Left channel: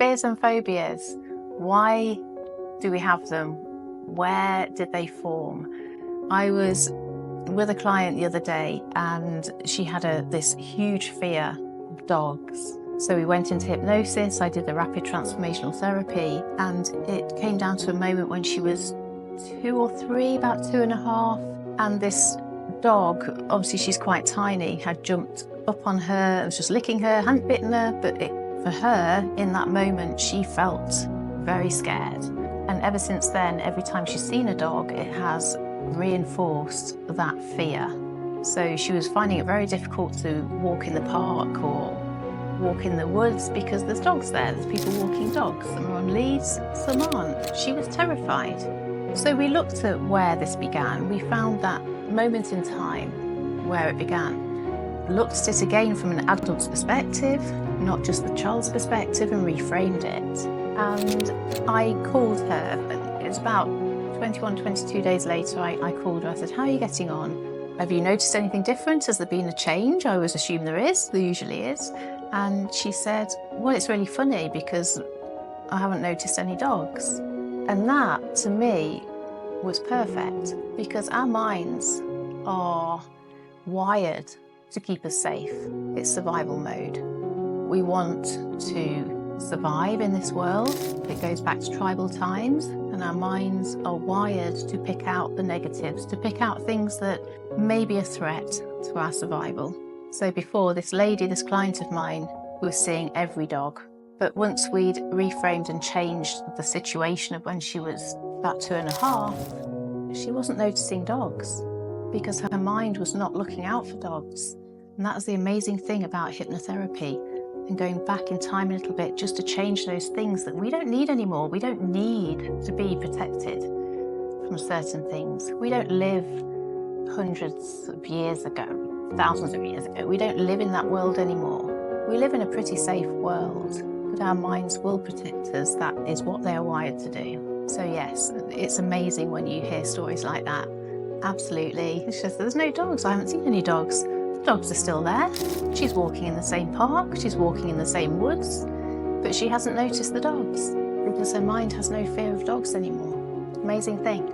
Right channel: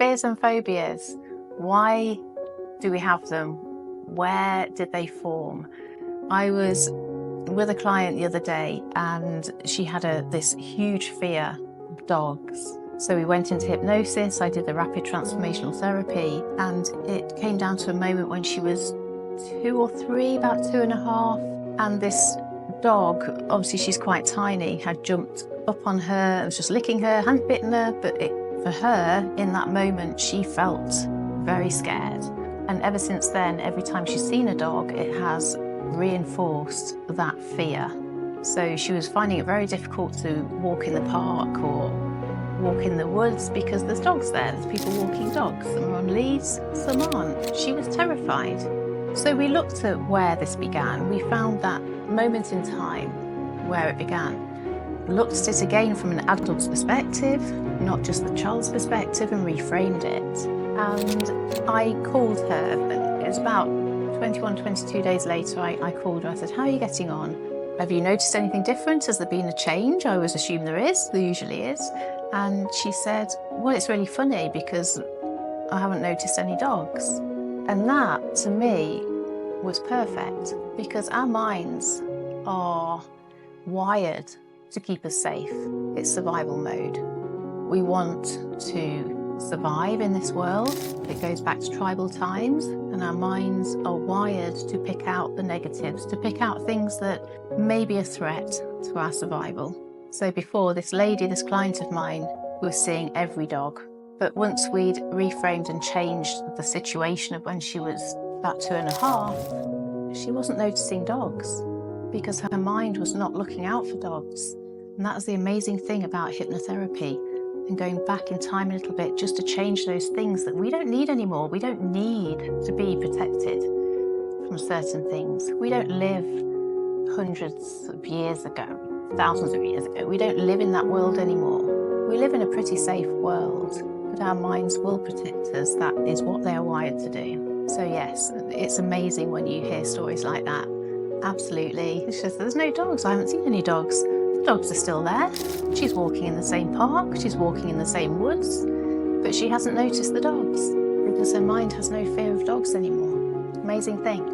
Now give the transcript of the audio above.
Fears and phobias. Why do we have them? Where did they form? I was with a client the other day and she had this huge fear of dogs. So we went into hypnosis, I did the rapid transformational therapy, and it came down to a moment when she was 2 or 3, about 2.5, and this dog, obviously she's quite tiny, had jumped up on her and was just licking her, hadn't bitten her, but for her, in that moment, she felt very scared. And ever since then, every time she's seen a dog, it has reinforced that fear. So she was finding it very difficult to walk in the park or walk in the woods because there's dogs there. There's people walking dogs. Some are on leads, some aren't. She was terrified. So we looked at where this began. We found that moment in time where it began. Looked at it again from an adult's perspective, not just the child's perspective, and reframed it. And I called her. It was about 21, 22 days later, I called her. I said, how are you getting on? Have you noticed anything different? Has there been a change? I always assume there is. There usually is. And she said, well, it's really funny because I haven't noticed any dogs. And that, to me, was perfect because our minds are wired to keep us safe. It's survival mode. We want to survive in this world. It goes back to tribal times, and our minds are wired to pick out the negatives, to pick out things that may be a threat to our survival. So before, this lady, this client of mine, was seeing every dog. But once we'd reframed and changed the situation of when she was about 2.5, she wasn't noticing dogs because her mind was not looking out for dogs. And that was the amazing thing about hypnotherapy and going back in time a little bit just to change those things that we don't need anymore. We don't need to be protected from certain things. We don't live hundreds of years ago, thousands of years ago. We don't live in that world anymore. We live in a pretty safe world, but our minds will protect us. That is what they are wired to do. So yes, it's amazing when you hear stories like that. Absolutely. It's just, there's no dogs. I haven't seen any dogs. The dogs are still there. She's walking in the same park. She's walking in the same woods, but she hasn't noticed the dogs because her mind has no fear of dogs anymore. Amazing thing.